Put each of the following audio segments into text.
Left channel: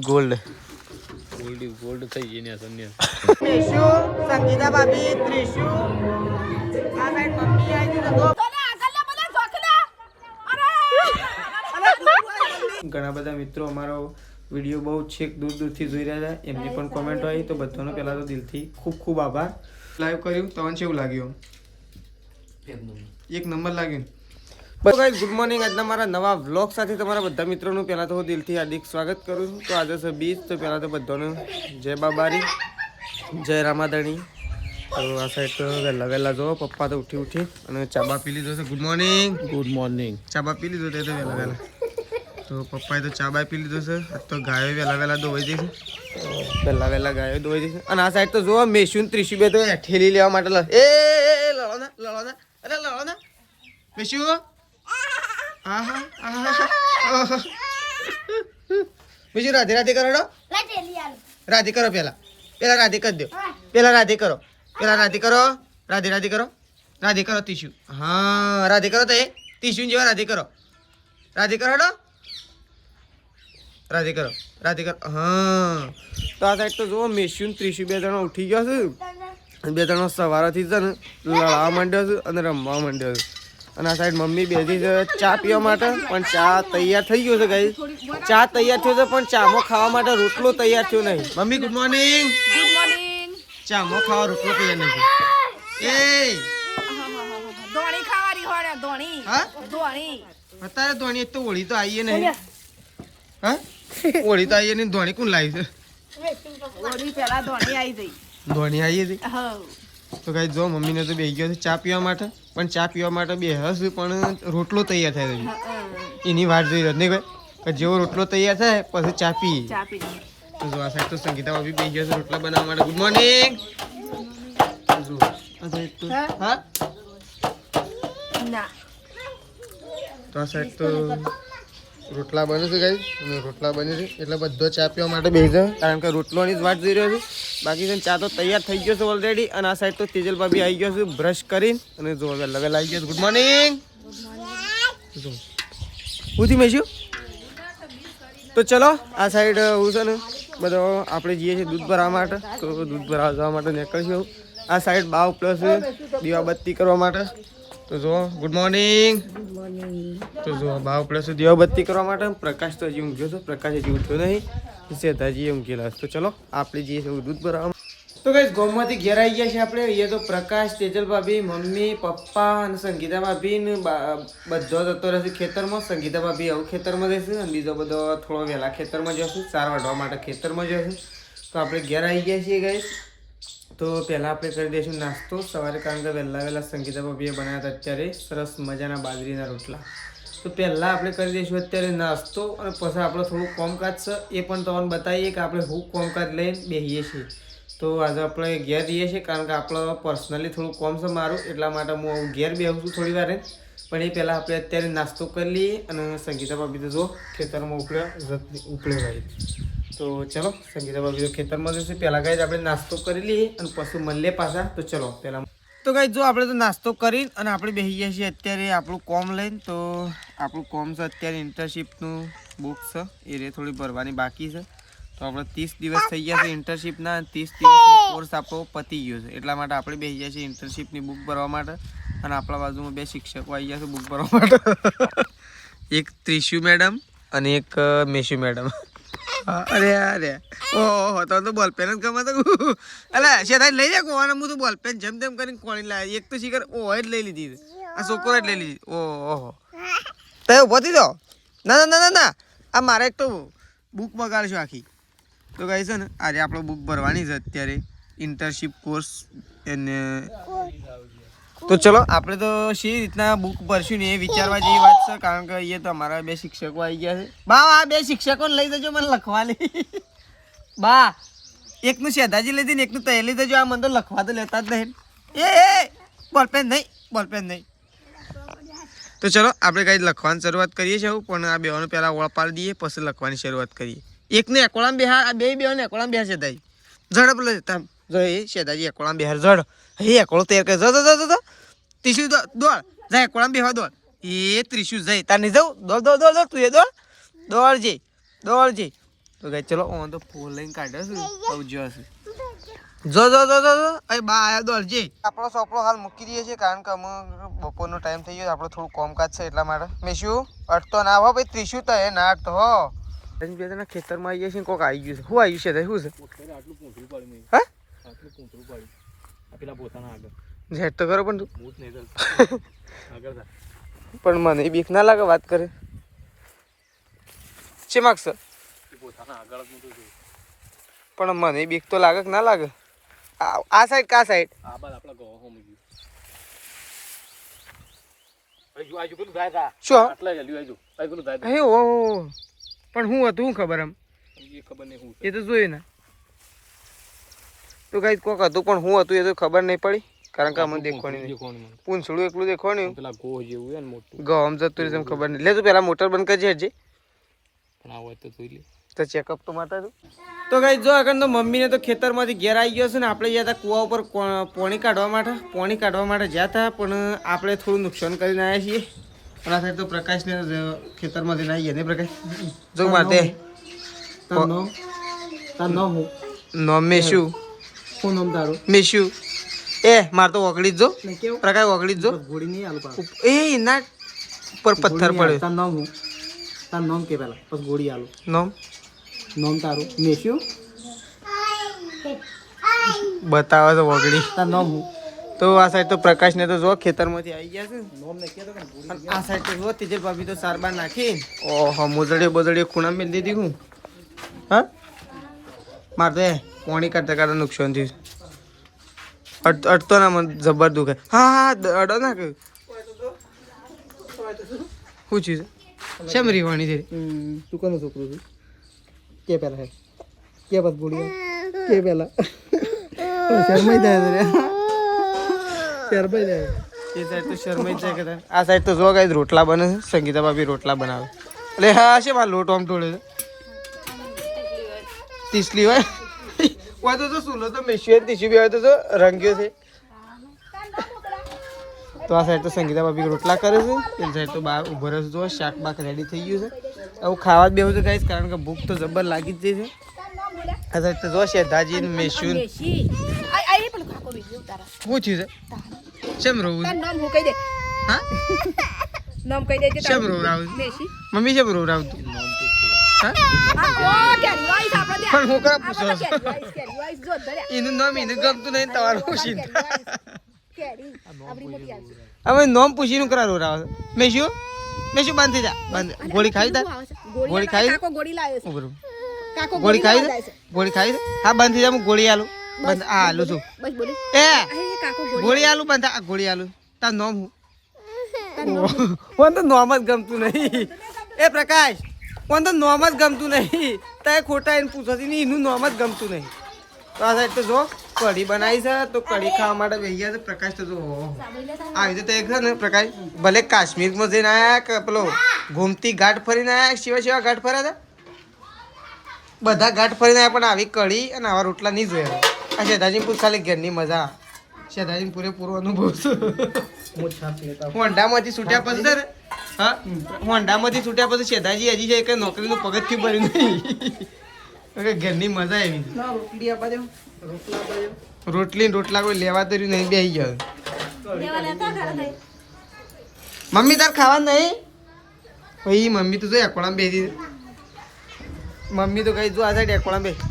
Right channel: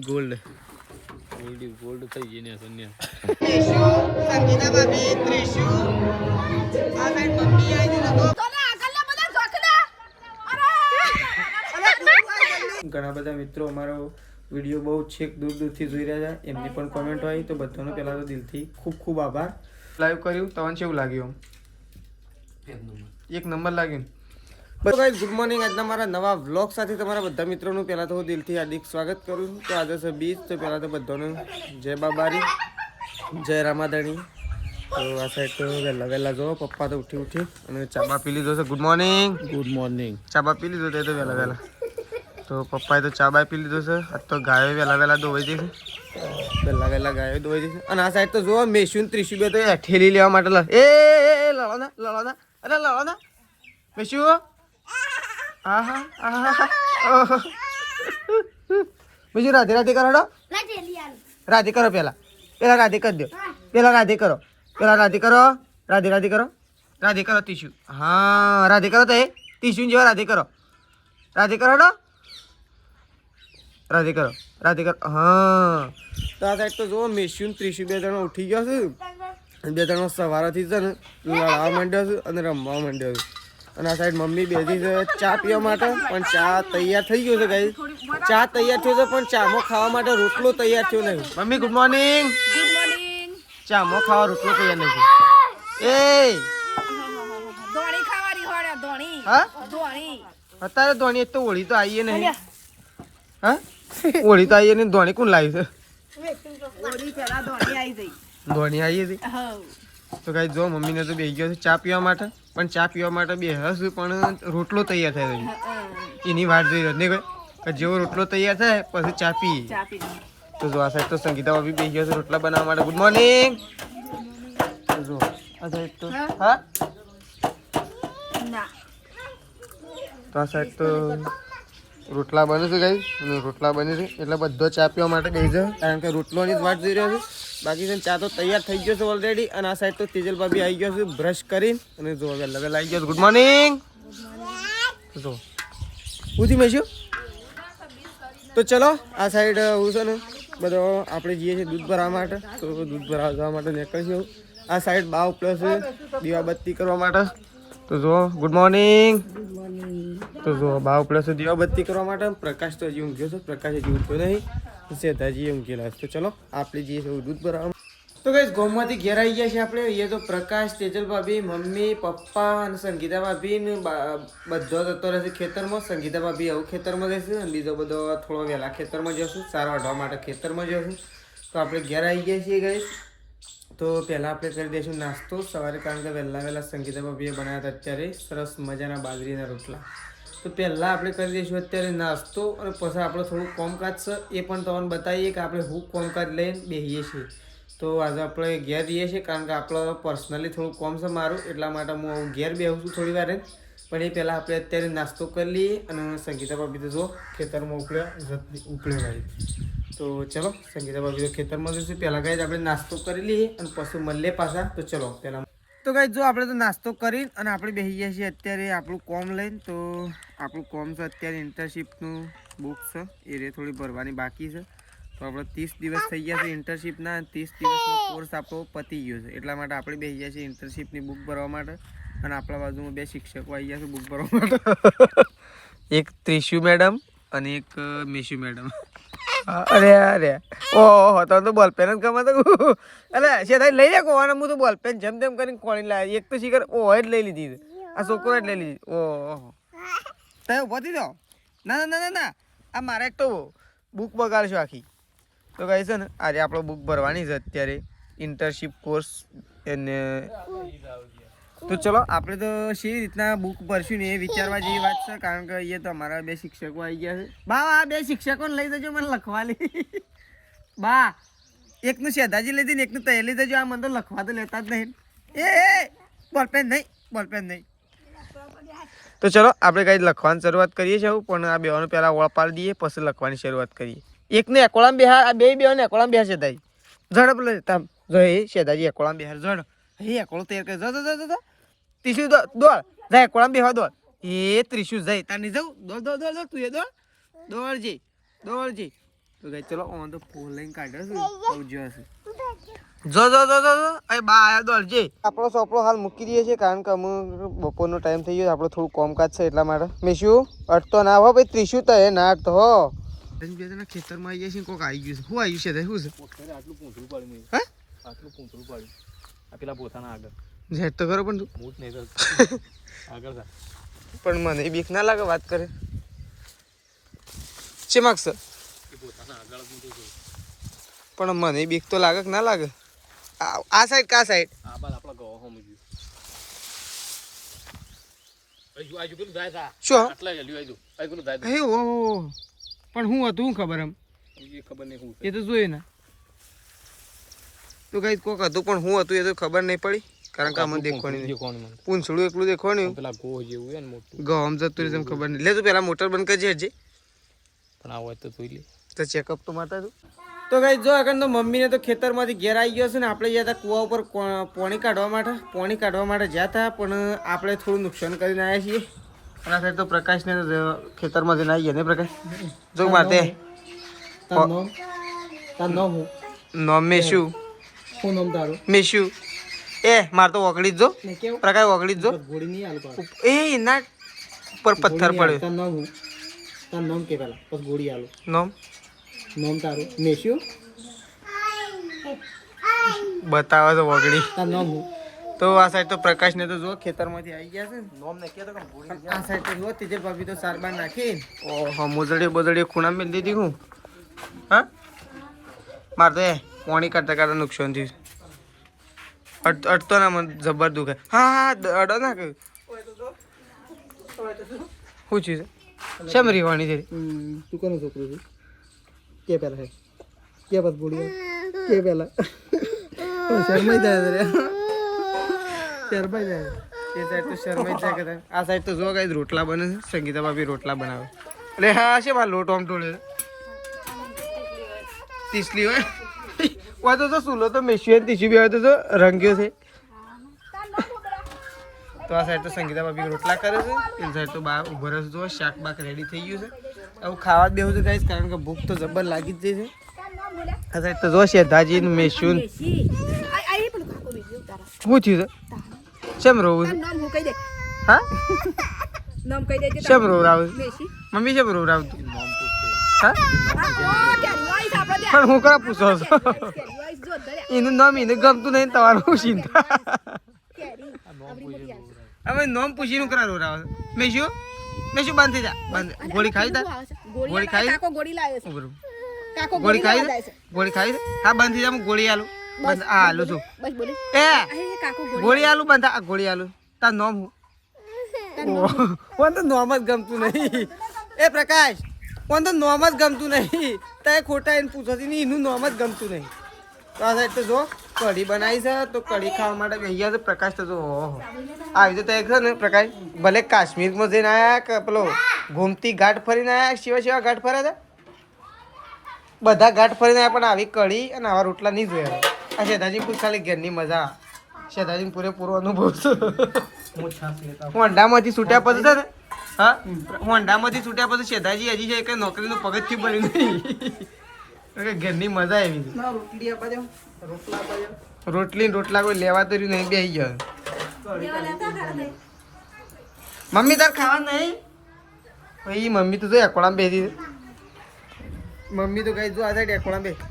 Gold gold gold થઈ ગઈ ને સન્યાસ ત્રિશુ સંગીતા ભાભી ત્રિશુ આ સાઈડ મમ્મી આવી દીધો ઘણા બધા મિત્રો અમારો વિડીયો બહુ છેક દૂર દૂરથી જોઈ રહ્યા છે એમની પણ કોમેન્ટ હોય તો બધાનો પહેલા તો દિલથી ખૂબ ખૂબ આભાર લાઈવ કર્યું તમને કેવું લાગ્યું એક નંબર લાગ્યું તો ગાઈસ ગુડ મોર્નિંગ આજના મારા નવા વ્લોગ સાથે તમારા બધા મિત્રોનું પહેલાં તો હું દિલથી હાર્દિક સ્વાગત કરું છું તો આજે છે બીજ તો પહેલાં તો બધાનું જય બાબારી જય રામાધણી તો આ સાઈડ તો વહેલા જો પપ્પા તો ઉઠી અને ચાબા પી લીધો છે ગુડ મોર્નિંગ ચાબા પી લીધો તે તો વહેલા તો પપ્પાએ તો ચાબા પી લીધો છે આજ તો ગાયો વહેલા ધોવાઈ જશે વહેલા ગાયો ધોવાઈ જશે અને આ સાઈડ તો જો મેશું ત્રીસું બે તો ઠેલી લેવા માટે લડવાના અરે લડવાના મેશું બીજું રાધે કરો રાધે કરો પેલા રાધે કરી દો પેલા રાધે કરો રાધે કરો તીશુ હા રાધે કરો તો તીશુ જેવા રાધે કરો હા તો આ સાઈડ તો જુઓ મેશું ત્રીસું બે જણા ઉઠી ગયા છે બે જણા સવારથી છે ને લડવા માંડ્યો છે અને રમવા માંડ્યો છે અને આ સાઈડ મમ્મી બેઠી છે ચા પીવા માટે પણ ચા તૈયાર થઈ ગયો છે ગાઈસ ચા તૈયાર થયો છે પણ ચામાં ખાવા માટે રોટલો તૈયાર થયો નહીં મમ્મી ગુડ મોર્નિંગ ચામાં ખાવા રોટલો તૈયાર નથી એ ધોણી ખાવાની હોડે ધોણી હા ધોણી અત્યારે ધોણી તો ઓળી તો આવીએ નહીં હા ઓળી તો આવીએ નહીં ધોણી કોણ લાવી છે ઓળી પેલા ધોણી આવી જઈ ધોણી આવીએ હતી હા તો ગાઈસ જો મમ્મીને તો બેસી ગયો છે ચા પીવા માટે પણ ચા પીવા માટે બે હશે પણ રોટલો તૈયાર થાય છે એની વાત જોઈ રહ્યો નહીં કે જેવો રોટલો તૈયાર થાય પછી ચા પી તો જો આ સાઈડ તો સંગીતા બી બેસી ગયા છે રોટલા બનાવવા માટે ગુડ મોર્નિંગ જો આ સાઈડ તો હા ના તો આ સાઈડ તો રોટલા બને છે ગાઈસ અને રોટલા બને છે એટલે બધો ચા પીવા માટે બેસી જાય કારણ કે રોટલોની જ વાત જોઈ રહ્યો છે બાકી છે ચા તો તૈયાર થઈ ગયો છે ઓલરેડી અને આ સાઈડ તો તેજલ ભાભી આવી ગયો છે બ્રશ કરીને અને જો વહેલા આવી ગયો ગુડ મોર્નિંગ જો ઉઠી મેશું તો ચલો આ સાઈડ હું છે ને બધો આપણે જઈએ છીએ દૂધ ભરવા માટે તો દૂધ ભરવા જવા માટે નીકળીશું આ સાઈડ બાવ પ્લસ દીવાબત્તી કરવા માટે તો જો ગુડ મોર્નિંગ તો જો બાવ પ્લસ દીવાબત્તી કરવા માટે પ્રકાશ તો હજી ઊંઘ્યો છે પ્રકાશ હજી ઉઠ્યો નહીં સેધાજી ઊંઘેલા તો ચલો આપણે જઈએ છીએ દૂધ ભરવા તો ગાઈસ ગામમાંથી ઘેર આવી ગયા છે આપણે એ તો પ્રકાશ તેજલ ભાભી મમ્મી પપ્પા અને સંગીતા ભાભી ને બધો જતો રહેશે ખેતરમાં સંગીતા ભાભી આવું ખેતરમાં રહેશે અને બીજો બધો થોડો વહેલા ખેતરમાં જશું ચાર વાઢવા માટે ખેતરમાં જશું તો આપણે ઘેર આવી ગયા છીએ ગાઈસ તો પહેલાં આપણે કરી દઈશું નાસ્તો સવારે કારણ કે વહેલા સંગીતા ભાભીએ બનાવ્યા હતા અત્યારે સરસ મજાના બાજરીના રોટલા તો પહેલાં આપણે કરી દઈશું અત્યારે નાસ્તો અને પછી આપણે થોડું કોમકાજ છે એ પણ તમને બતાવીએ કે આપણે હું કોમકાજ લઈને બેસીએ છીએ તો આજે આપણે ઘેર જઈએ છીએ કારણ કે આપણે પર્સનલી થોડું કોમ છે મારું એટલા માટે હું ઘેર બેસું છું થોડી વાર પણ એ પહેલાં આપણે અત્યારે નાસ્તો કરી લઈએ અને સંગીતા ભાભી તો જો ખેતરમાં ઉપડ્યો ગાઈ તો ચલો સંગીતા ભાભી તો ખેતરમાં જશે પહેલાં ગાઈ આપણે નાસ્તો કરી લઈએ અને પછી મળીએ પાછા તો ચલો પહેલાં તો ગાઈ જો આપણે તો નાસ્તો કરીને અને આપણે બેસી ગયા છીએ અત્યારે આપણું કોમ લઈને તો આપણું કોમ છે અત્યારે ઇન્ટર્નશીપનું બુક છે એ થોડી ભરવાની બાકી છે તો આપણે 30 દિવસ થઈ ગયા છે ઇન્ટર્નશીપના 30 દિવસનો કોર્સ આપણો પતી ગયો છે એટલા માટે આપણે બેસી ગયા છીએ ઇન્ટર્નશીપની બુક ભરવા માટે અને આપણા બાજુમાં બે શિક્ષકો આવી ગયા છે બુક ભરવા માટે એક ત્રિશુ મેડમ અને એક મેશુ મેડમ અરે ઓહો તો બોલપેન જ ગમે તો અલે શેઠાઈ લઈ જા કોવાને હું તો બોલપેન જેમ તેમ કરીને કોણી લાવી એક તો શીખર ઓહો જ લઈ લીધી આ છોકરો જ લઈ લીધી ઓહો તો ઉભો થઈ જાઓ ના આ મારે એક તો બુક બગાડશો આખી તો કહે છે ને આજે આપણે બુક ભરવાની છે અત્યારે ઇન્ટર્નશીપ કોર્સ એને તો ચલો આપણે તો શી રીતના બુક ભરશું ને એ વિચારવા જેવી વાત છે કારણ કે એ તો અમારા બે શિક્ષકો આવી ગયા છે બા આ બે શિક્ષકોને લઈ જજો મને લખવાની બા એકનું શેધાજી લીધી ને એકનું તૈયાર લઈ જજો આ મને તો લખવા તો લેતા જ નહીં એ બોલપેન નહીં તો ચલો આપણે કંઈ લખવાની શરૂઆત કરીએ છીએ પણ આ બેઓને પહેલાં ઓળ પાડી દઈએ પછી લખવાની શરૂઆત કરીએ એકને એકોળામાં બેહાર આ બેઓને એકોળામાં બેહાર શેધાજી ઝડપ લે તામ જો એ શેધાજી એકોળામાં બેહાર ઝડ હે એકોળો તૈયાર કરે જો ત્રીસું દોડ જાય એકોળામાં બેહવા દોડ એ ત્રીસું જાય તાર નહીં જાઉં દોડ તું એ દોડ દોડજી તો ગાઈસ ચલો હું તો ફોન લઈને કાઢ્યો છું આવજો હશે જો અરે બા આયા દોડજે આપણો સોપડો હાલ મૂકી દઈએ છીએ કારણ કે અમે બપોરનો ટાઈમ થઈ ગયો આપણો થોડું કામકાજ છે એટલા માટે મેશું અડતો ના હો ભાઈ ત્રીસું તો હે ના અડતો હો ખેતરમાં આવીએ છીએ કોક આવી ગયું છે શું આવ્યું છે શું છે આટલું પૂંછડું પાડ્યું હા આટલું પૂંછડું પાડ્યું આ પેલા પોતાના આગળ ઝેડ તો કરો પણ તું મૂત નહીં આગળ થાય પણ મને બીક ના લાગે વાત કરે છે માગશે પોતાના આગળ જ મૂતું છે પણ મને બીક તો લાગે કે ના લાગે આ સાઈડ કા સાઈડ આ બાદ આપણા ગવા હોમ ગયું આજુ પેલું જાય તા શું આટલા ગયું આજુ પેલું જાય હે ઓ પણ હું હતું શું ખબર એમ એ ખબર નહીં શું એ તો જોયું ને તો ગાઈસ કોક હતું પણ હું હતું એ તો ખબર નહીં પડી કારણ કે અમને દેખવાની નહીં પૂંછડું એકલું દેખવાનું પેલા ગોહ જેવું હે ને મોટું ગમ જતું રહે ખબર નહીં લે તું પેલા મોટર બંધ કરજે હજી પણ આ હોય તો જોઈ લે તો ચેકઅપ તો માતા તું તો ગાઈસ જો આગળ તો મમ્મીને તો ખેતરમાંથી ઘેર આવી ગયો છે ને આપણે ગયા હતા કૂવા ઉપર પોણી કાઢવા માટે ગયા હતા પણ આપણે થોડું નુકસાન કરીને આવ્યા છીએ અને આ સાઈડ તો પ્રકાશને ખેતરમાંથી આવી ગયા ને પ્રકાશ જો માટે નોમ મેશું શું નામ તારું મેશું એ માર તો ઓગળી જ જો ને કેવું પ્રકાશ ઓગળી જ જો ગોળી નહીં આલું પાડો એ ના પર પથ્થર પડ્યો તાર નામ હું તાર નામ કે પેલા પછી ગોળી આલું નોમ નામ તારું મેશ્યું બતાવે તો ઓગળી તાર નામ હું તો આ સાઈડ તો પ્રકાશને તો જો ખેતરમાંથી આવી ગયા છે નામ ને કે તો અને આ સાઈડ તો જો તેજલ ભાભી તો સારબાર નાખી ઓહો મોજડી ખૂણા મેળ દીધી હું હા મારે તો પાણી કાઢતા કાઢતા નુકસાન થયું અડતો ના મને જબર દુખે હા અડો ના કે શું છે શેમ રીવાની છે તું કોનો છોકરો છે કે પેલા હે કે બસ ગોળી કે પેલા શરમાઈ જાય રે શરમાઈ જાય એ સાઈડ તો શરમાઈ જ જાય કે આ સાઈડ તો જો ગાઈસ રોટલા બને છે સંગીતા ભાભી રોટલા બનાવે એટલે હા છે મારે લોટ આમ તોડે છે તીસલી હોય વાતો તો સુલો તો મેશિયન તીસી બી હોય તો રંગ્યો છે તો આ સાઈડ તો સંગીતા ભાભી રોટલા કરે છે પેલી સાઈડ તો બહાર ઉભો રહે છે શાક બાક રેડી થઈ ગયું છે હવે ખાવા જ બેહું છે ગાઈસ કારણ કે ભૂખ તો જબર લાગી જ જાય છે આ સાઈડ તો જો શેધાજી મેશિયન શું થયું છે શેમ રોવું છે નામ હું કહી દે હા નામ કહી દેજે શેમ રોવરાવું મેશી મમ્મી શેમ રોવરાવતું નામ પૂછે હા ઓ કેરી વાઈસ આપણે પણ હું કરા પૂછો છો કેરી વાઈસ જો ધરે એનું નામ એને ગમતું નહીં તમારું ચિંતા કેરી આપણી મોટી આંસુ હવે નોમ પૂછીને કરા રોવરાવે મેશું બંધ થઈ જા બંધ ગોળી ખાઈ તા ગોળી ખાઈ કાકો ગોળી લાવ્યો છે ઉભરો કાકો ગોળી ખાઈ લાવ્યો છે ગોળી ખાઈ હા બંધ થઈ જા હું ગોળી આલું બંધ આ આલું છું બસ બોલે એ એ કાકો ગોળી આલું બંધ આ ગોળી આલું તાર નોમ હું તો નોમ જ ગમતું નહીં એ પ્રકાશ મને તો નોમ જ ગમતું નહીં તારે ખોટા એને પૂછો ને એનું નોમ જ ગમતું નહીં તો આ સાઈડ તો જો કઢી બનાવી છે તો કઢી ખાવા માટે બેસી ગયા તો પ્રકાશ તો જો આવી તો એક છે ને પ્રકાશ ભલે કાશ્મીરમાં જઈને આવ્યા કે પેલો ગોમતી ઘાટ ફરીને આવ્યા સેવા ઘાટ ફર્યા હતા બધા ઘાટ ફરીને આવ્યા પણ આવી કઢી અને આવા રોટલા નહીં જોયા આ શેધાજીપુર ખાલી ઘરની મજા શેધાજી પૂરેપૂરો અનુભવ છે હોન્ડામાંથી છૂટ્યા પછી છે ને હા હોન્ડામાંથી છૂટ્યા પછી શેધાજી હજી છે કે નોકરીનું પગથિયું ભર્યું નહીં ઘરની મજા આવી રોટલી આપવા દે રોટલી ને રોટલા કોઈ લેવા તો નહીં બેસી ગયો મમ્મી તાર ખાવા નહીં ભાઈ મમ્મી તો જો એકોળામાં બેસી મમ્મી તો કઈ જો આ સાઈડ એકોળામાં બેસી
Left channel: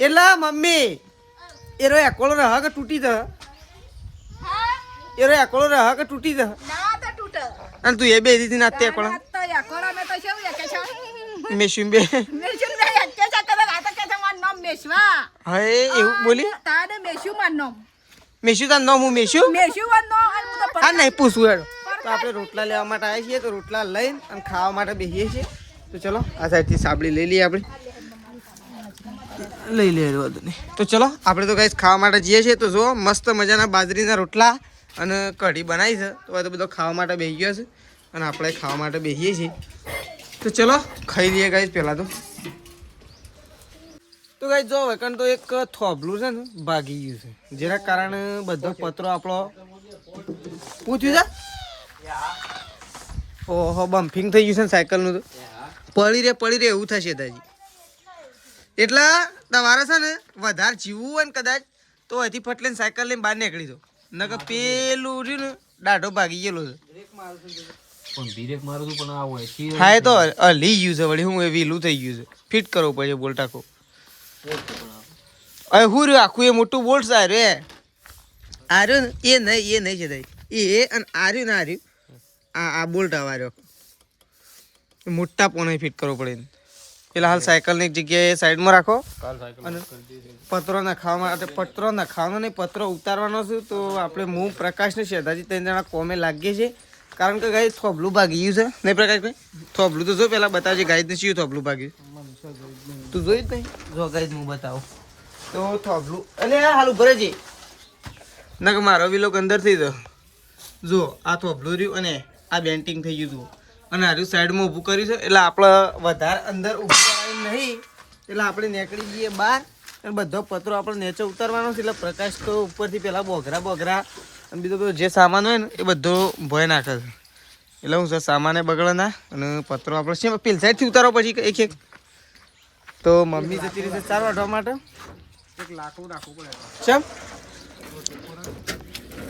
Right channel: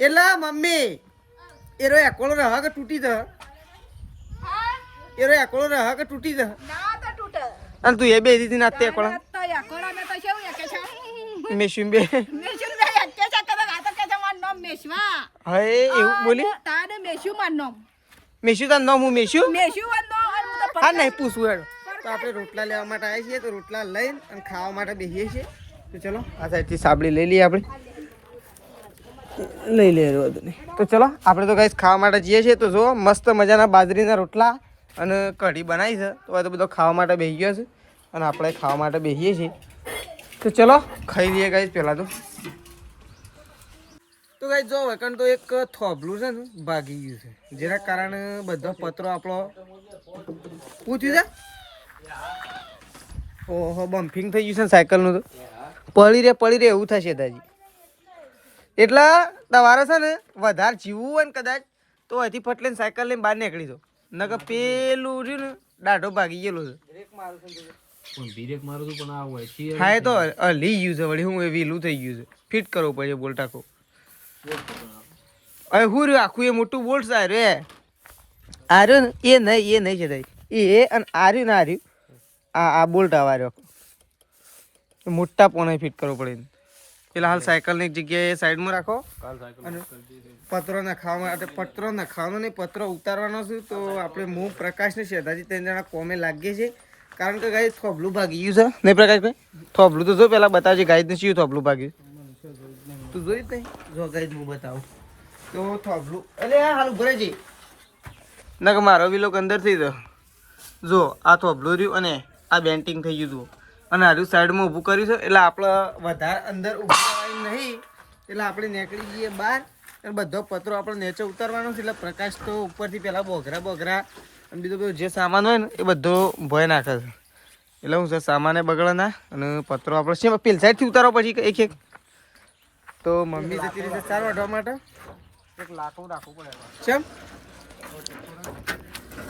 એટલે મમ્મી એરો એકોળો રહ કે તૂટી જ એરો એકોળો રહ કે તૂટી જ ના તો તૂટે અને તું એ બેસી હતી નાતે એકોળા તો યાકોડા મે તો કેવું કે છે મેશું બે મેશું મે કે છે કરે આ તો કે છે માર નામ મેશવા હે એવું બોલી તાને મેશુ માર નામ મેશું તાર નામ હું મેશું મેશુ માર નામ હું તો હા નહીં પૂછવું હેડ તો આપણે રોટલા લેવા માટે આવ્યા છીએ તો રોટલા લઈને અને ખાવા માટે બેસીએ છીએ તો ચલો આ સાઈડથી સાબડી લઈ લઈએ આપણે લઈ લે બધું નહીં તો ચલો આપણે તો ગાઈસ ખાવા માટે જઈએ છીએ તો જો મસ્ત મજાના બાજરીના રોટલા અને કઢી બનાવી છે તો આ તો બધો ખાવા માટે બેસી ગયો છે અને આપણે ખાવા માટે બેસીએ છીએ તો ચલો ખાઈ લઈએ ગાઈસ પહેલાં તો ગાઈસ જો વેકન તો એક થોભલું છે ને ભાગી ગયું છે જેના કારણે બધો પતરો આપણો પૂછ્યું છે ઓહો બમ્પિંગ થઈ ગયું છે ને સાયકલનું તો પડી રે એવું થશે દાજી એટલે તમારે છે ને વધારે જીવવું હોય ને કદાચ તો અહીંથી ફટલીને સાયકલ લઈને બહાર નીકળી દો નકર પેલું રહ્યું ને દાઢો ભાગી ગયેલો છે પણ ધીરેક મારું તું પણ આ હોય કે હા એ તો હલી ગયું છે વળી હું એ વીલું થઈ ગયું છે ફિટ કરવું પડે બોલ ટાકો હવે હું રહ્યું આખું એ મોટું બોલ્ટ છે રે આ રહ્યું ને એ નહીં છે તાઈ એ અને આ રહ્યું ને આ રહ્યું આ બોલ્ટ આવા રહ્યો મોટા પોને ફિટ કરવો પડે એટલે હાલ સાયકલની એક જગ્યાએ સાઈડમાં રાખો અને પત્રો નખાવા માટે પત્રો નખાવાનો નહીં પત્રો ઉતારવાનો છે તો આપણે હું પ્રકાશ ને શેધાજી 3 જણા કોમે લાગીએ છીએ કારણ કે ગાય થોબલું ભાગી ગયું છે નહીં પ્રકાશભાઈ થોબલું તો જો પેલા બતાવજે ગાય ને શું થોબલું ભાગ્યું તું જોઈ જ નહીં જો ગાય હું બતાવું તો થોબલું એટલે હાલ ઉભરે છે ના કે મારો બી લોકો અંદર થઈ જો આ થોબલું રહ્યું અને આ બેન્ટિંગ થઈ ગયું હતું અને હારું સાઈડમાં ઊભું કર્યું છે એટલે આપણે વધારે અંદર ઊભું કરાયું નહીં એટલે આપણે નીકળી જઈએ બહાર અને બધો પત્રો આપણે નીચે ઉતારવાનો છે એટલે પ્રકાશ તો ઉપરથી પહેલાં બોઘરા અને બીજો બધો જે સામાન હોય ને એ બધો ભોય નાખે છે એટલે હું સર સામાને બગડે ના અને પત્રો આપણે શેમાં પેલી સાઈડથી ઉતારો પછી એક તો મમ્મી જતી રહી છે 4 વાઢવા માટે એક લાકડું રાખવું પડે ચમ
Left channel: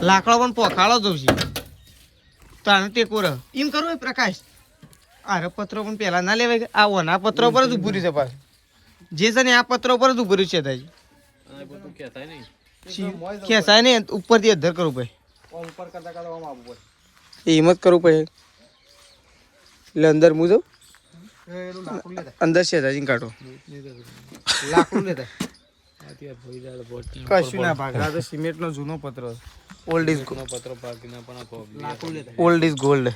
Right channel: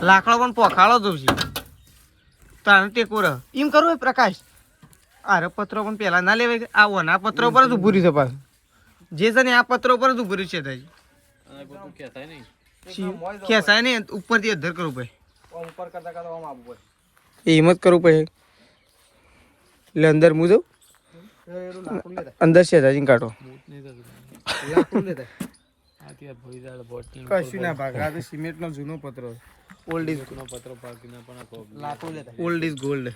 લાકડો પણ પોખાળો જવું છે તો આને ટેકો રહ એમ કરવું એ પ્રકાશ આરે પત્રો પણ પહેલા ના લેવાય આ ઓના પત્રો પર જ ઊભું રહ્યું છે પાછું જે છે ને આ પત્રો પર જ ઊભું રહ્યું છે તાજી આ બધું કે થાય નહીં ખેંચાય ને ઉપરથી અધર કરવું પડે ઉપર કરતા કરતા આમ આવવું પડે એમ જ કરવું પડે એટલે અંદર હું જાઉં એનું લાકડું લેતા અંદર શેજાજીને કાઢો લાકડું લેતા અત્યારે ભોઈ દાળ બોટ કશું ના ભાગ આ તો સિમેન્ટનો જૂનો પત્રો ઓલ્ડ ઇઝ પત્ર પાકીને પણ આ પ્રોબ્લેમ લાકડું લેતા old is gold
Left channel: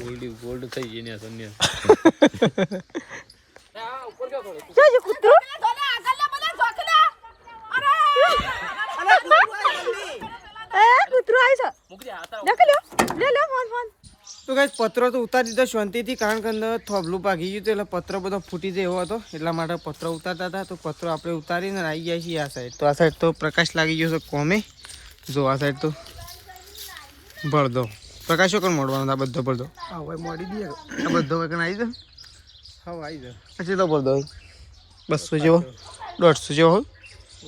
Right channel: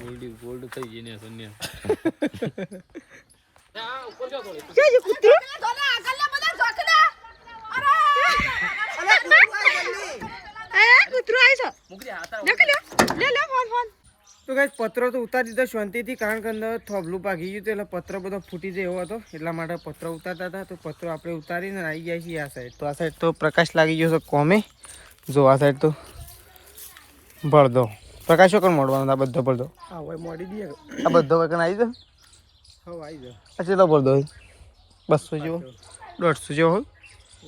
gold is gold થઈ ગઈ ને સંન્યાસ તો ગાઈસ પત્રો તો ઉતારી દીધો શાંતિથી કારણ કે અંદર થોબલું ભાગી ગયું હતું એટલે પત્રો બધો ફૂટી જાય એવો હતો એટલા માટે પત્રો ઉતારતા હતા તો પત્રો આપણે ઉતારીને આવી ગયા છીએ આ સાઈડ તો આ સાઈડ તો પ્રકાશ લાગી ગયો છે કોમે જો આ સાઈડ તો ભરદો પ્રકાશો કોણ મોડવાનો આ બધો ભરદો હા હવે મોડી દઈએ આ બધો વગર આવી જાય હા આવી જાય આ કેટલો ભરદો 200 જેવો 150 જેવો હોય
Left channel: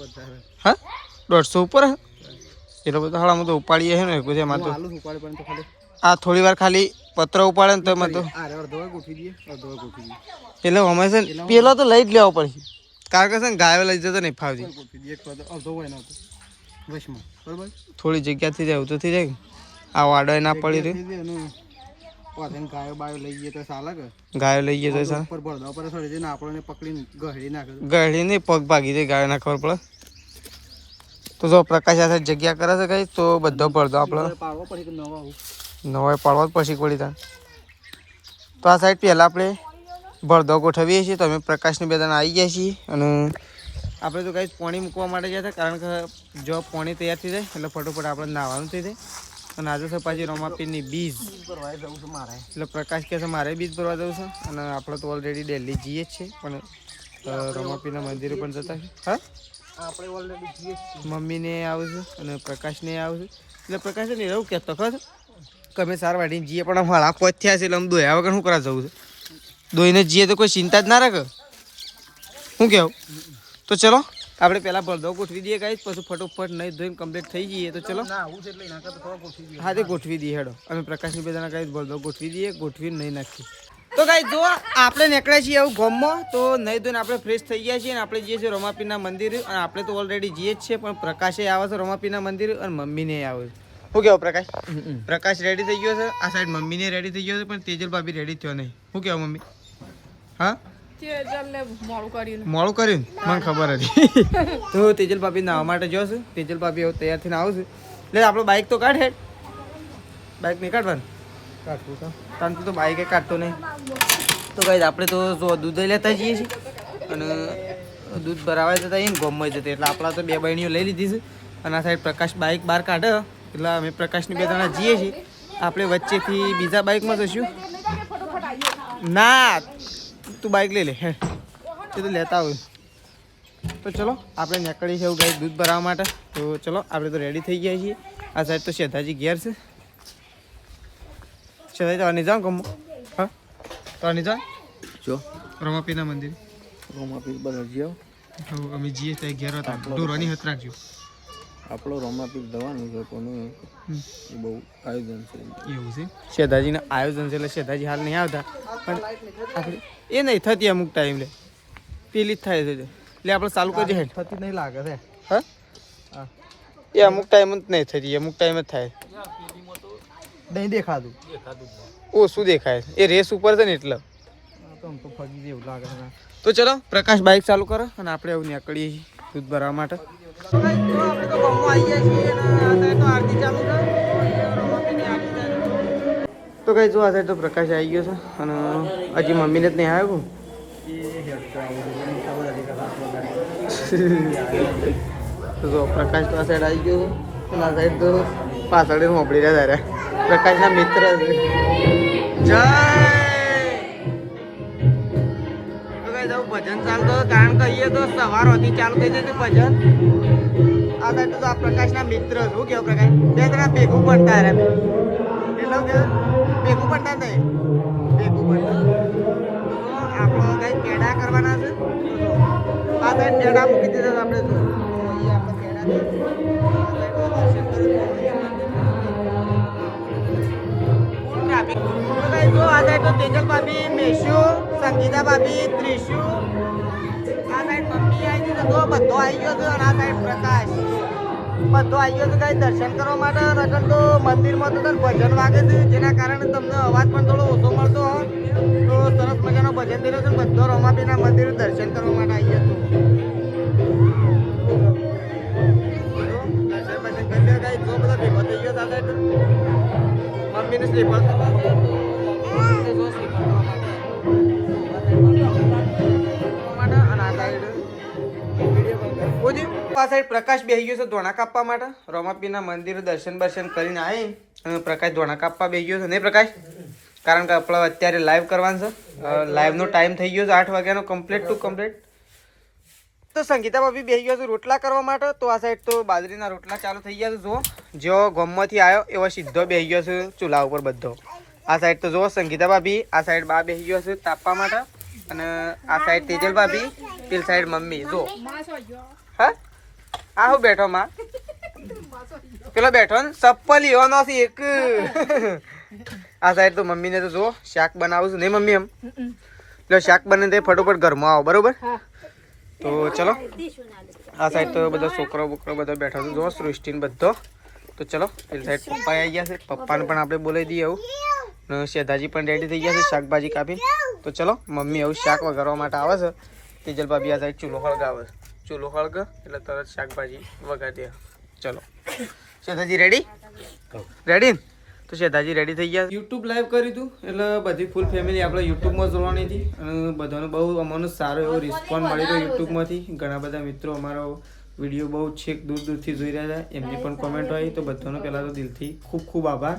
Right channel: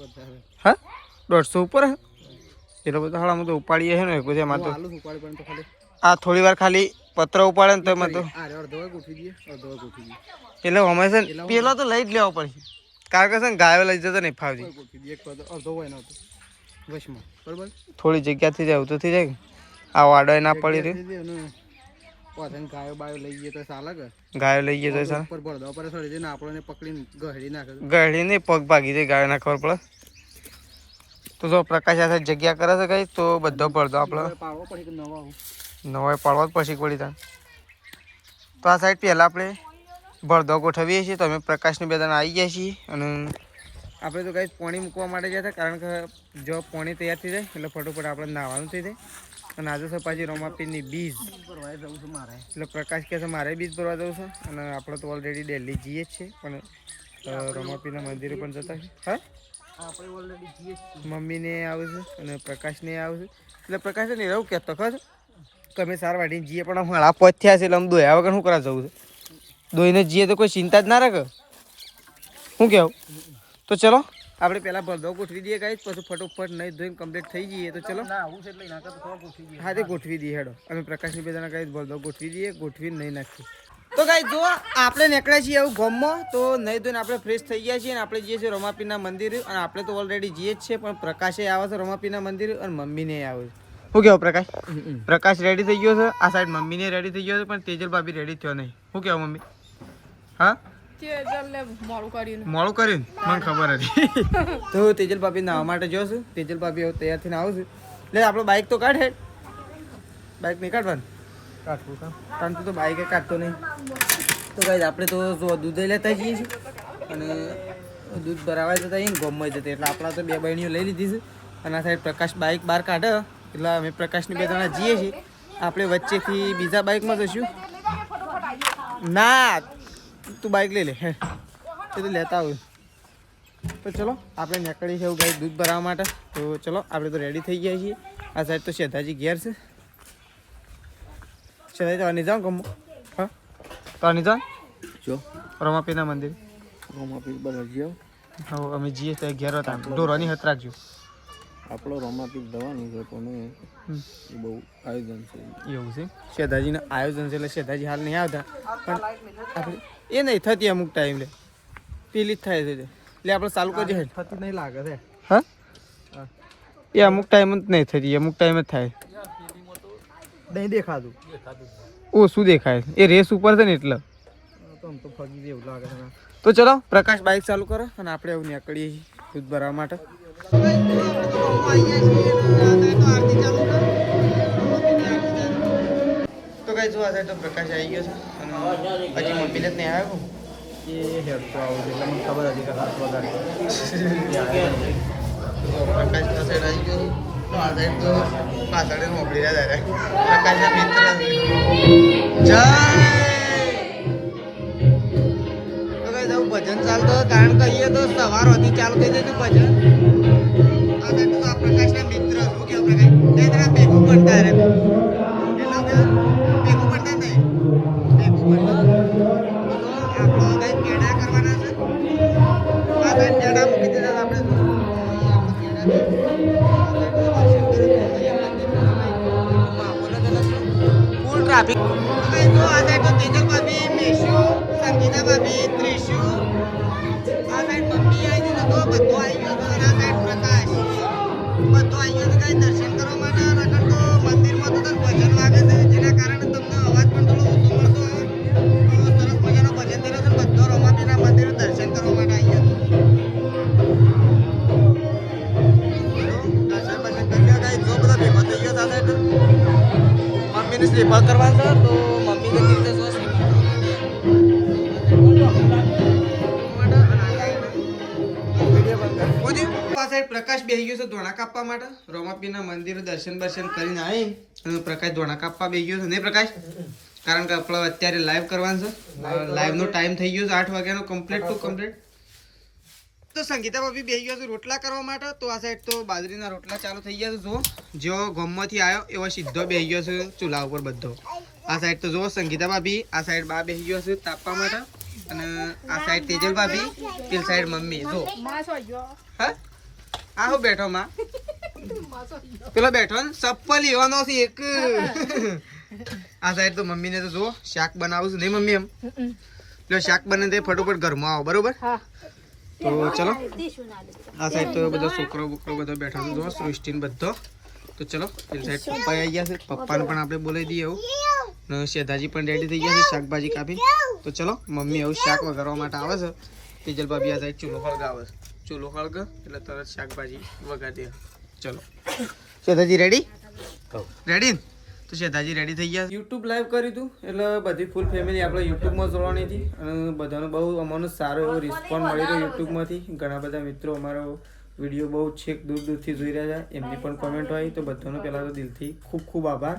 વધારે હા 150 ઉપર હે એટલો બધો હાળામાં તો ઉપાડીએ છે ને પછી એમાં તો આલુ ઉપાડે પણ તો ખાલી આ થોડી વાર ખાલી પત્ર ઉપાડે ને તો એમાં તો આ રે અડધો ગોઠવી દઈએ અડધો ગોઠવી દઈએ એટલે અમે છે ને પેલો તો લઈ જ લેવો પડશે કારણ કે છે ને ગાયો લઈ જતો નહીં ફાવતી ગોઠવી દઈએ એક અડધો હોય ને વશમાં બરોબર થોડી જગ્યાથી જાય તો થઈ જાય આ વાડો ના પડી રહ્યું પાછળ ગાયો બાયો લઈ જઈએ તો ચાલે કે ગાયો લઈ ગયો તો સર ઉપર ભરદા ઉપર સડી જાય ને આપણને પકડીને ગહડી નાખે ગળી નહીં પગ ભાગી જાય ગાયો ના ખબર પડે તો જો પ્રકાશ આ સાઈડ જગ્યા કરે છે કઈ તો બધો પડદો આપણે પાડવો પડે કે નવા આવું નવાય પાડવા જ પછી પડી થાય તો આ સાઈડ પહેલાં આપણે ભરદો ગોઠવીએ છીએ તો અમે પ્રકાશની બે જણા આવી ગયા છીએ અને આપણે તો કાંઈ પાણી મૂકવા માટે ગયા હતા કારણ કે જો પાણી તૈયાર થઈ જાય એટલે ફટોફટ આપણે નાહવાનું થઈ જાય અને આજે છે પાછી રમાપીરની બીજ ભરવા જવું છે મારે એટલે પ્રકાશ કહે છે મારે બીજ ભરવા જવું છે અને આપણે તો ઓલરેડી દિલ્હી જઈએ જ છીએ પણ રમાપીના મંદિરે પણ જતા છે હા આપણે ઓલરેડી જઈએ મમ્મીને આવે છે અને પ્રકાશને આવે છે એટલે પ્રકાશને એવું કહેતો ખર કે અમે સાર વાટીને જઈએ પણ મારા પોચ થયા છે એટલે અમે દોયા વગર શું કરવા જવું છે દોઈને જઈએ તો કોઈ ચિંતા જ ના રાખે શું કહેવું તો ચલો આપણે પહેલાં ભરદો ગોઠવી દઈએ કાંઈ પછી ફટોફટ નહીં ધોઈને કમ્પ્લીટ થઈ જઈએ તો ચલો ના આવું છે એટલે નાખા તો થોડા ગોઠવી દઈએ હા તે ગોઠવી દઈએ હેડો અમે પ્રકાશની બેદાના કાંઈ ભરદો ગોઠવી દઈએ ગોઠવીને નહીં નાખીએ તો કાંઈ જો આપણે નીકળ્યા છીએ એવું ગામમાં તો નહીં ધોઈને આપણે ફ્રેશ થઈ ગયા છીએ અને આપણે જઈએ છીએ રમાપીના મંદિર અને આપણે તો ઓલરેડી જઈએ જ છીએ પણ પ્રકાશે આવે છે રમાપીના મંદિર અને મમ્મીને આવે છે શું કહેવું પ્રકાશ પ્રકાશ રેડી થઈ ગયો છે આ સાઈડ મમ્મીને રેડી થઈ ગયો છે પણ તેજલ ભાભી રેડી થયો નહીં શું કહેવું મમ્મી હા મોડું કર્યું મને ખબર હતી તો તેજલ ભાભી નાવા માટે જોશું તેજલ ભાભી હવે તૈયાર થઈને આવશે એટલે આપણો બાઇક તો કાઢ હેડ બાઇક નહીં કાઢવાનું કારણ તું તો બાઇકે કાઢતો નહીં તો કાંઈ આપણે તો જો દૂધ લેતા જઈએ છીએ અને દૂધ ભરાવા જતા આવીએ ને ગોમમાં જતા એટલે આપણા તો 2 બહેણીઓ લઈ લીધી છે અને આ સાઈડ પ્રકાશ બાઇક બહાર કાઢે એટલે અમે પ્રકાશની 2 જણા જઈએ છીએ આપણે વચ્ચેથી બીજા બાઇકમાં જઈશું ના તું બાઇક લઈ લે હે એ તો લેતા હોય તો ચલો આપણે નીકળીએ છીએ એવું ગાય દૂધ ભરાવવા માટે તો ચલો આપણે તો રેડી થઈ ગયા છીએ આ સાઈડ તો શેધાજી ઘેર છે શેધાજી તો આની જાઓ ગમો હા તો આની જાઓ જો રમાપીના મંદિર રોમાપીર બધા જ્યો હવે અમે જઈએ ત્યાં ઘેર હતા ઢોરોની હત રાખજો. આપણો રોમાપીર દવાનું છે પણ એ બહુ આયોજન છે. એવું છે શેઠાજીનું આયોજન છે એટલે શેઠાજી હાલ નહીં આવતા પણ આપણે એ નહીં થતી અમુક ટાઈમ લે પેલી જ થાય છે એટલે આપણે ચાલુ કરજો હેડ. થતી નહીં લાગે છે. હા હા. એ અમુક ટાઈમ જ નહીં થતી અમુક ટાઈમ જ થાય. નહીં દેખાતું. ઓછું દેખાય છે એ રેસ ઉપર છે ને એટલે. તો આમ તો ફગી જેવું લાગે છે. તો ચલો પ્રકાશ બાઇક ચાલુ કરો અને આપણે એવું નીકળીએ છીએ દૂધ ભરવા માટે. તો કઈ જો આજે તો પ્રકાશ આવી ગયો છે અને હજી મમ્મીને જ નહીં આવ્યું. એ હેડતો આવું એટલે મને ખબર હતી કે 7 વાગે તો જો પ્રકાશ આ સાઈડ આવી ગયો છે. આ સાઈડ તો પાછળ મોકલી રહ્યા તારે પ્રકાશના મિત્ર છે. જય તો કઈ જવું ભજન ચાલતો કારણ કહીએ તો સવાર હતી ચાલુ કરી દેતું ભજન. આ સાઈડ તો આ પ્રકાશના મિત્ર શું કેવું પ્રકાશ બે જણા ભેગું પડતા રહ્યા બે એટલો કે ભેગું પડતા નહીં ભેગું પડતા. તો આપણો કઈ પેડા કરવાના છે. આ સાઈડ પેડા મૂકી દીધા આપણે જો ફૂલ ટ્રાફિક. તો કઈ જો આ સાઈડ તો તેજલ ભાભી મેશુ સંગીતા ભાભી ત્રિશુ આ સાઈડ મમ્મી આવી ગઈ તો બધો આવી ગયો તો આ સાઈડ પ્રકાશ બધો આવી ગયો તો કઈ દર્શન કરવા માટે. નકર તો મંદિરમાં તો ભજન વાગે છે જેના કારણે તમને અવાજ પણ થોડો ઓછો મળતો હોય. તો સરસ મજાનો ભજન થયેલો છે બધો રોમાપીના મંદિર દર્શન કરવા માટે આવી ગયો દર્શન બર્શન કરી લે કઈ જો બધો ભેગો થઈ ગયો સાથે તો મમ્મીને સ્લીપર કરવા છે તો મમ્મીને રીતે જો સ્લીપર કરવા માટે આ સાઈડ પ્રકાશ બેસી ગયો છે ધોણા કાપવા માટે. રોમાપીના મંદિર દર્શન બર્શન કરીને આવી અને પ્રકાશ ધોણા કાપવા બેસી ગયો છે નહીં પ્રકાશ કારણ કે આપણે અત્યારે લાઈવ કરવાનું છે. લાઈવનો ટાઈમ થઈ ગયો છે 8 વાગ્યાનો કમ્પ્લીટ ટુ કમ્પ્લીટ. તો સંગીતા ભાભી બેસી ગયો છે રોટલા કરવા માટે. તો આ સાઈડ તો બાજરીના રોટલા ચાલુ થઈ ગયા છે. જુઓ જેવો ગામમાંથી આવ્યો એવો સીધો બેસી ગયો છે ચૂલા ઉપર બધો. આ સાઈડ તો જુઓ સંગીતા ભાભી આ સાઈડ બા બેસી ગયો છે તાપવા માટે અને આ સાઈડ તેજલ ભાભી પેલી સાઈડ મમ્મી જો હા આ હું બેઠો માં પેલો બેઠો ને ચપ્પલ એવાનો છે એક. આ સાઈડ તો મમ્મીને તો જુઓ શાક બનાવું છું નહીં મમ્મી એમ પેલો શાક બને તે ફટોફટ ઘરમાં આવો બરોબર. તો ચલો આ સાઈડ તો બધો છોકરો બોકરો બધો બેઠો છે જો સૃષ્ટિને બધો. તો ચલો પેલી સાઈડ પપ્પા આવી ગયા છે પપ્પાને પણ આપણે બોલાવી દઈએ આવું ને શેઠાજી પણ રેડી થઈ ગયા છે શાકભાજી કાપી. તો ચલો મમ્મી આવું શાક વઘારવા માટે આવે છે. તેજલ ભાભી આ સાઈડ ચૂલો હળગાવે છે ચૂલો હળગ એટલે તરત શાકભાજી વઘારી દે. ચલો શેઠાજી રેડી રેડી તો શેઠાજી રેડી થઈ ગયા. યુટ્યુબ લાઈવ કર્યું હતું એટલે બધી ફૂલ ફેમિલી આપણે યુટ્યુબમાં જોડવાની હતી અને બધાનો બહુ અમને સારો એવો રિસ્પોન્સ મળી રહ્યો યુટ્યુબમાંથી. ઘણા બધા મિત્રો અમારો વિડીયો બહુ છેક દૂર દૂરથી જોઈ રહ્યા હતા એમની પણ કોમેન્ટ હોય તો બધાનો પહેલાં તો દિલથી ખૂબ ખૂબ આભાર.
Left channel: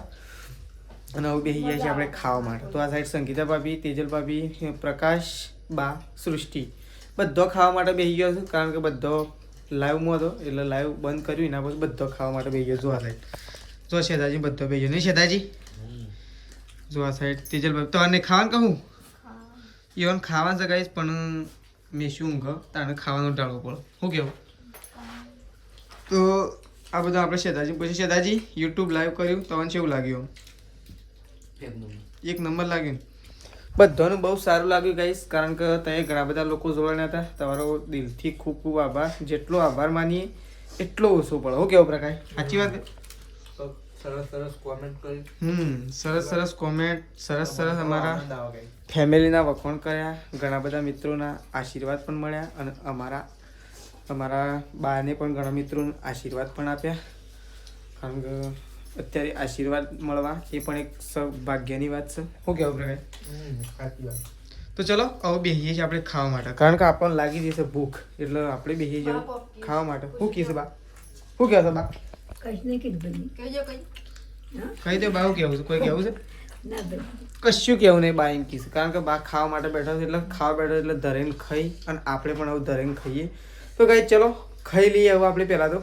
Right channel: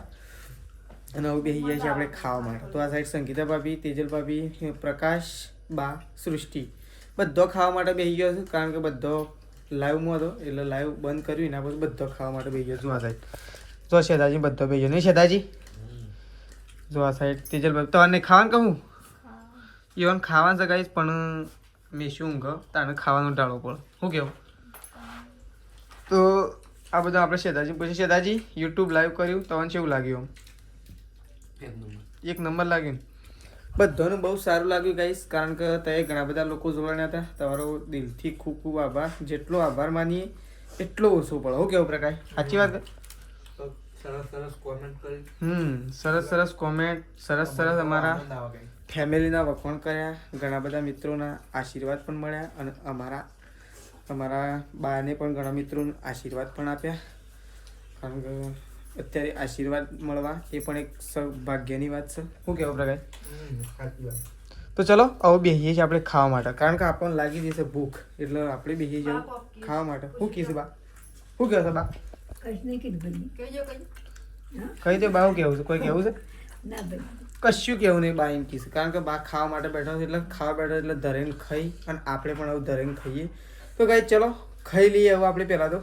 અને હવે બેસી ગયા છીએ આપણે ખાવા માટે. તો આ સાઈડ સંગીતા ભાભી તેજલ ભાભી પ્રકાશ બા સૃષ્ટિ બધો ખાવા માટે બેસી ગયો છે કારણ કે બધો લાઈવમાં હતો એટલે લાઈવ બંધ કર્યું એના પછી બધો ખાવા માટે બેસી ગયો. જો આ સાઈડ જો શેઠાજી બધો બેસી ગયો નહીં શેઠાજી જો આ સાઈડ તેજલ ભાભી તો આને ખાવાનું કહું ઈવન ખાવાનું છે ગાઈશ પણ મેં શું ઊંઘ તાને ખાવાનું ટાળવું પડે શું કેવું. તો આ બધું આપણે શેઠાજી પછી શેઠાજી યુટ્યુબ લાઈવ કર્યું તમને કેવું લાગ્યું. એક નંબર લાગ્યું બધાનું બહુ સારું લાગ્યું ગાઈસ કારણ કે ત્યાં ઘણા બધા લોકો જોડાયા હતા. તમારો દિલથી ખૂબ ખૂબ આભાર. જેટલો આભાર માનીએ એટલો ઓછો પડે હું કેવું પ્રકાશ સાચી વાત. સરસ કોમેન્ટ કરી. સરસ કોમેન્ટ સરસ અમારા ફેમિલીના વખોણ કર્યા. ઘણા બધા મિત્રોના આશીર્વાદ પણ મળ્યા અને અમારા બાને પણ ઘણા મિત્રોના આશીર્વાદ પણ આપ્યા કારણ કે અત્યારે આશીર્વાદ મળવા એ પણ એક સૌભાગ્યની વાત છે શું કહેવું પ્રકાશ. તો ચલો હવે બેસીએ છીએ આપણે ખાવા માટે કારણ કે આપણને લાગી જશે ભૂખ એટલે આપણે બેસી જવું ખાવા માટે. શું કહીશું બા શું કહેશો બા કહી દો બા શું કહેવું છે કોઈ કહેવું છે કશું કેવું નહીં બા એમ કહીશું કારણ કે બા ખાવા માટે બેઠો છે એટલે ખાવા બેઠો એટલે ધરેને ખાઈ અને આપણે પણ હવે ધરેને ખાઈએ. તો ગાઈસ ચલો ખાઈ લઈએ હવે આપણે પહેલાં તો